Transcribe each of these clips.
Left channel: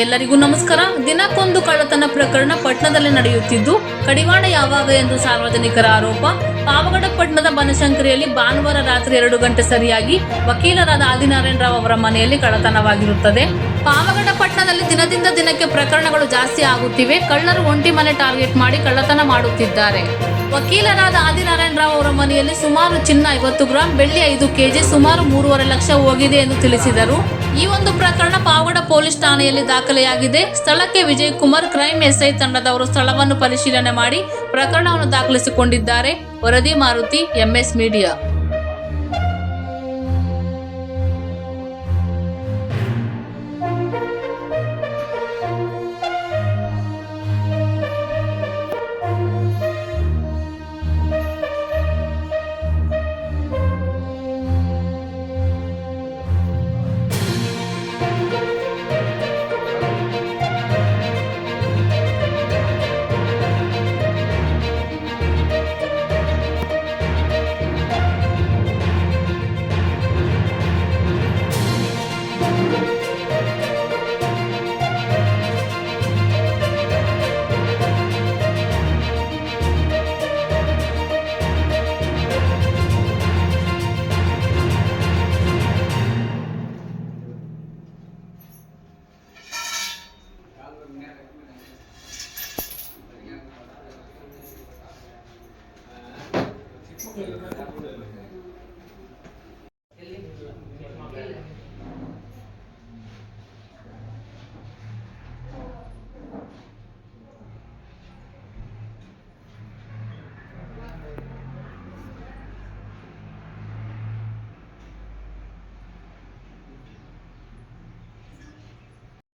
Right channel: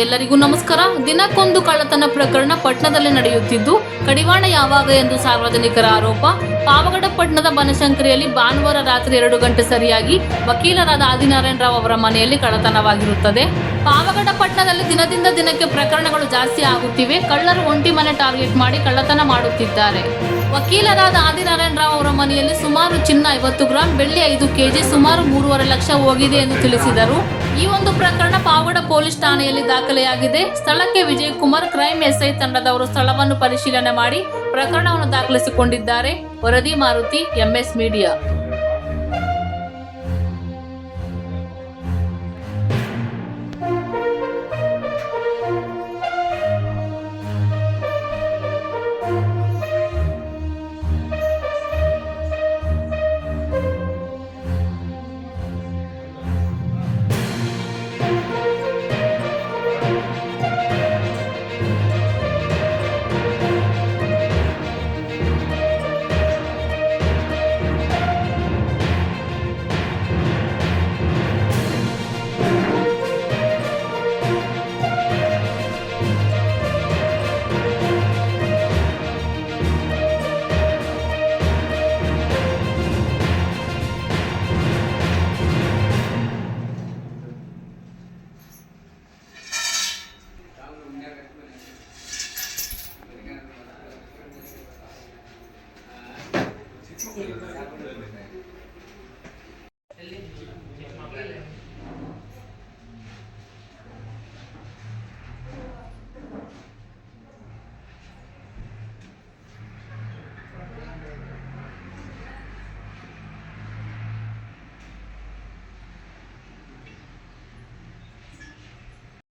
ಎಲ್ಲರಿಗೂ ನಮಸ್ಕಾರ. ದಿನಕ್ಕೊಂದು ಕಳ್ಳತನ ಪ್ರಕರಣ ಪಟ್ಟಣದಲ್ಲಿ ನಡೆಯುತ್ತಿದ್ದು, ಕಡಿವಾಣ ಯಾವಾಗ ಎಂದು ಸಾರ್ವಜನಿಕರ ಆರೋಪ. ಪಾವಗಡ ಪಟ್ಟಣದ ಬನಶಂಕರಿಯಲ್ಲಿ ಭಾನುವಾರ ರಾತ್ರಿ ಎರಡು ಗಂಟೆ ಸರಿಯಾಗಿ ವಕೀಲರಾದ ಆದಿನಾರಾಯಣ ರಾವ್ ಅವರ ಮನೆಯಲ್ಲಿ ಕಳ್ಳತನವಾಗಿರುತ್ತದೆ. ಪಾವಗಡ ಪಟ್ಟಣದಲ್ಲಿ ದಿನದಿಂದ ದಿನಕ್ಕೆ ಪ್ರಕರಣಗಳು ಜಾಸ್ತಿ ಆಗುತ್ತಿವೆ. ಕಳ್ಳರು ಒಂಟಿ ಮನೆ ಟಾರ್ಗೆಟ್ ಮಾಡಿ ಕಳ್ಳತನ ಮಾಡುತ್ತಿದ್ದಾರೆ. ವಕೀಲರಾದ ಆದಿನಾರಾಯಣ ರಾವ್ ಅವರ ಮನೆಯಲ್ಲಿ ಸುಮಾರು ಚಿನ್ನ ಐವತ್ತು ಗ್ರಾಂ, ಬೆಳ್ಳಿ ಐದು ಕೆಜಿ, ಸುಮಾರು ಮೂರುವರೆ ಲಕ್ಷ ಹೋಗಿದೆ ಎಂದು ತಿಳಿಸಿದರು. ಈ ಒಂದು ಪ್ರಕರಣ ಪಾವಗಡ ಪೊಲೀಸ್ ಠಾಣೆಯಲ್ಲಿ ದಾಖಲೆಯಾಗಿದೆ. ಸ್ಥಳಕ್ಕೆ ವಿಜಯ್ ಕುಮಾರ್ ಕ್ರೈಮ್ ಎಸ್ಐ ತಂಡದವರು ಸ್ಥಳವನ್ನು ಪರಿಶೀಲನೆ ಮಾಡಿ ಪ್ರಕರಣವನ್ನು ದಾಖಲಿಸಿಕೊಂಡಿದ್ದಾರೆ. ವರದಿ ಮಾರುತಿ ಎಂಎಸ್ ಮೀಡಿಯಾ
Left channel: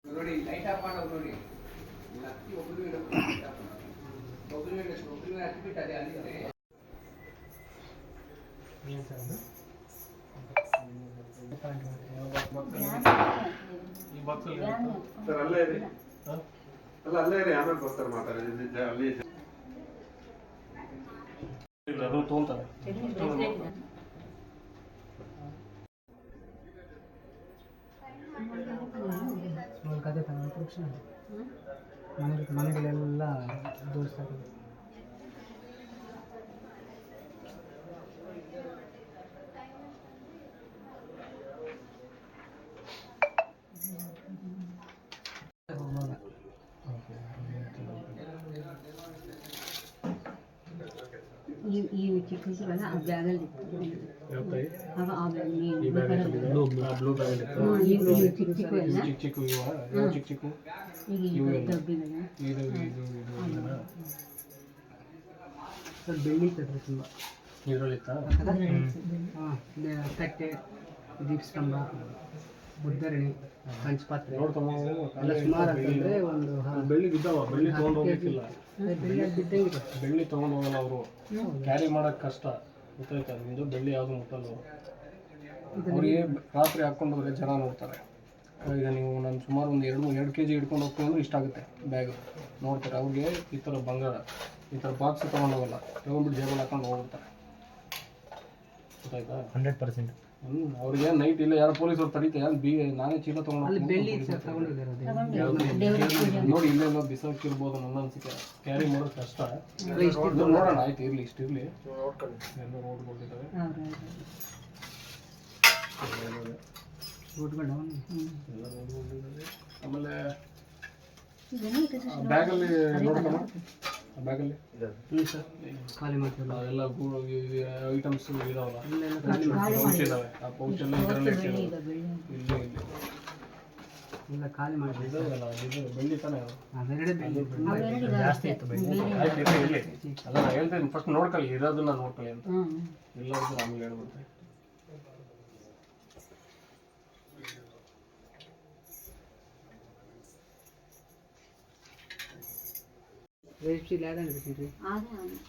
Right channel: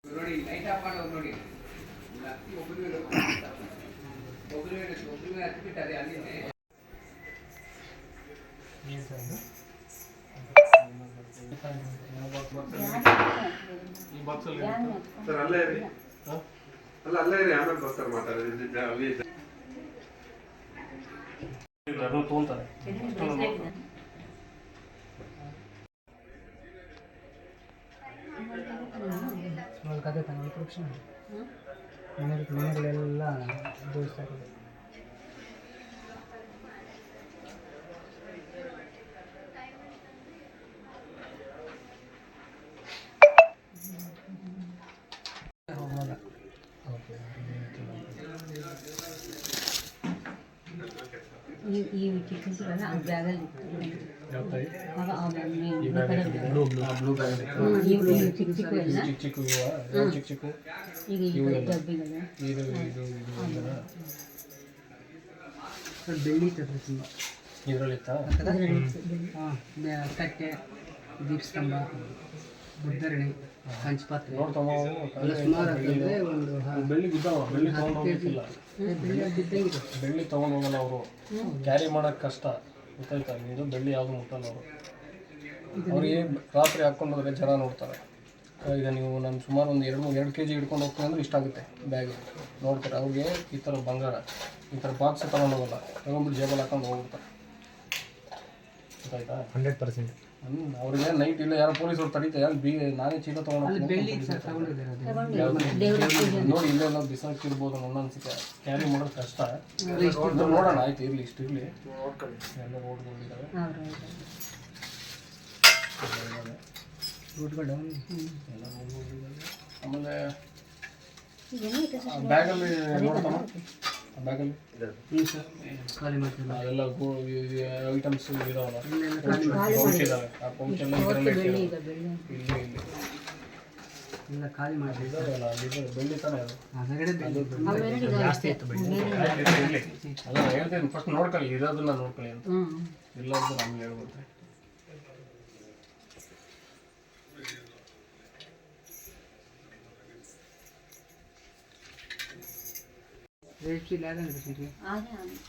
ನೋಡಿ ಲೈಟ್ ಆಫ್ ಮಾಡೋದು ನೋಡಿ ಇಲ್ಲಿ ಹತ್ತಿ ಒಬ್ಬರು ಒಬ್ಬರು ಒಬ್ಬರು ಹತ್ತಿ ಬಿಟ್ಟಾರೆ ಅಲ್ಲಿಂದ ಅಲ್ಲೇ ಇರಿ ಅಲ್ಲ ಅಲ್ಲೇ ಇರಿ ಆಮೇಲೆ ಬರ್ತಾರೆ ಸ್ಮಾಲ್ ಕತೆ ತಾನೆ ಮನೆಗಳೆಲ್ಲ ದೋಸ್ತಾ ಇದೆ ಈ ಈ ಚಿಕ್ಕಸಿಗಲ್ಲ ಅದು ಬ್ಯಾಗಲ್ಲಿ ಆಗ ಆ ಬ್ಯಾಗ್ ಈ bag blue blue blue bag ಈಗ ಈ ಚಿಕ್ಕ ಚಿಕ್ಕ ಎಲ್ಲ ಚಿಕ್ಕ ಚಿಕ್ಕ ಇವ ಇವು ಚಿಕ್ಕ ಚಿಕ್ಕ ಈಗ ಈ ಇವು ಎಲ್ಲ. ಡಬ್ಬಿಗಲ್ಲ ಇದು ಇದು ಇದು ಇದನ್ನ ಸ್ವಲ್ಪ ಬೆಳ್ಳಿ ಇರ್ತದೆ ತುಂಬ ಇದ್ರಲ್ಲಿತ್ತ ಹಾಂ ಕಟ್ಟೆ ದೀಪಸ್ತಂಭ ಬುದ್ಧರಣಿ ಪಂಚಪಾತ್ರೆ ನೋಡ್ತಮ್ಮ ಎಲ್ಲ ಸುಮಾರು ಅಂದ್ರೆ ಒಂದು ಬೆಳ್ಳಿ ಬಿದ್ದಾವ ಬೆಳ್ಳಿ ತೊಗೊಂಡು ಹೋಗ್ಲಿಕ್ಕಿಲ್ಲ. ಬೆಳ್ಳಿ ತೊಗೊಂಡು ಹೋಗಲ್ಲ ಅವರು. ಕ್ಯಾರಿ ಮಾಡೋಕೆ ಕಷ್ಟ. ಗೊತ್ತಾಯ್ತಾ? ಇದು ಬೆಳ್ಳಿ ಯಾವುದು ಮುಟ್ಟಲ್ಲ ಅವರು ಅವರಿಗೆ ರಾತ್ರಿ ಹಾಕ್ಕೊಂಡು ಹೋದ್ರೆ ಜನ ನೋಡ್ತಾರೆ. ಈಗ ನೀವು ನಾನು ಸುಮಾರು ಒಂದು ಎರಡು ಮೂರು ಎರಡು ಕೆ ಜಿ ಹಿಡ್ಕೊಂಡು ಹೋಗ್ತೀನಿ ಅಂದ್ರೆ ಇಷ್ಟಾಗುತ್ತೆ ಬ್ಯಾಗ್. ನೋಡ್ತಾರೆ. ಅವ್ರಿಗೆ ಈ ಥರ ಬಂಗಾರ ಈ ಥರ ಬಾಕ್ಸ್ ತೊಗೊಂಡು ಹೋಗಲ್ಲ. ತೊಗೊಂಡ್ಬಿಟ್ಟು ಜೇಬಲ್ಲಿ ಹಾಕೊಂಡು ಹೋಗ್ಬಿಡ್ತಾರೆ. ಗೊತ್ತಾಯ್ತಾ? Hundred percent. ಹ್ಞೂ ಅವ್ರಿಗೆ ನೈಟ್ ಇಲ್ಲ ಯಾರು ಪೊಲೀಸರು ತಡೀತಾರೆ ಯಾರು ಬೀಗ ನಾನೇ ಚೀಲ ತೊಗೊಂಡು ನೋಡಿ ಇಲ್ಲೆಲ್ಲ ಬಿಸಾಕಿರ್ಬೋದು ನನ್ನ ಅನ್ಸಿಕೆ ಕ್ಯಾರಿ ಮಾಡೋದು ಕಷ್ಟ. ಇದು ನೋಡೋಣ ಆಯ್ತು ಇರಲಿ ಇಷ್ಟು ಇರಲಿ. ಎಲ್ಲ ನೋಡ್ಕೊಂಡಿದ್ದಾರೆ. ಎಲ್ಲ ಆಮೇಲೆ ಬ್ಯಾಗಲ್ಲಿ ನೋಡ್ತಾನ? ಬ್ಯಾಗಲ್ಲಿ ಹ್ಞೂ ಸರ್. ಖಾಲಿ ಮಾಡ್ತೀವಿ ಅದೆಲ್ಲ ಐಟಮ್ಸ್ ಇದಾವಲ್ಲ. ಖಾಲಿ ಪೌಚ್ ಇದಾವೆ. ಆ ಪೌಚ್ ಎಲ್ಲ ಇದರಲ್ಲೇ ಬೆಳ್ಳಿ ಇಟ್ಟಿರೋದು ಈಗ ಇಲ್ಲಿ ಇಲ್ಲಿ. ಎಲ್ಲ ಖಾಲಿ ಮಾಡಿ ಇದಾವಲ್ಲ ಇದು ಬೆಳ್ಳಿ ತಾನೇ ಅದು. ಹೊರಗಡೆ ಬೆಳ್ಳಿ. ಅವೆರಡು ಜಾಸ್ತಿ ಇತ್ತು ಬೆಳ್ಳಿ. ಅಲ್ಲ ನಾನು ಹೇಳ್ತೇನೆ ಫಸ್ಟ್ ನೋಡ್ಕೊಳ್ಳಿ ಇರೋದನ್ನ ನೋಡ್ಕೊಳ್ಳಿ ಅಂತ. ಇಲ್ಲ ಅಂದ್ರೆ ಆಮೇಲೆ ಹೇಳ್ಬಿಡ್ತೆ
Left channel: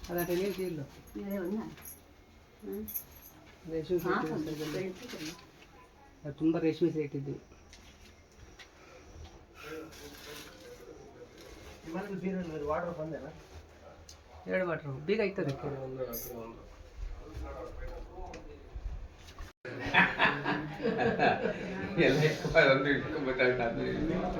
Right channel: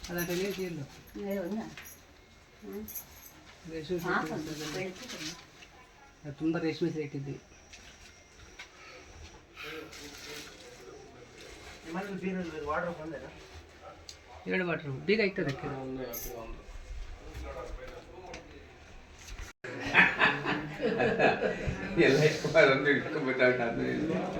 ಅದಾಟ ರೇಷ್ಮೆ ತುಂಬ ರೇಷ್ಮೆ ಸೈಟ್ ಇದ್ವಿ ಎರಡು ವಾಟ್ರು ಬೀಗ ಇರ್ತದೆ ಎಲ್ಲ ಒಂದು ಅದು ಒಂದು ಇಟ್ಕೊಂಡು ಇಟ್ಕೊಂಡ್ಬಿಟ್ಟಾಗ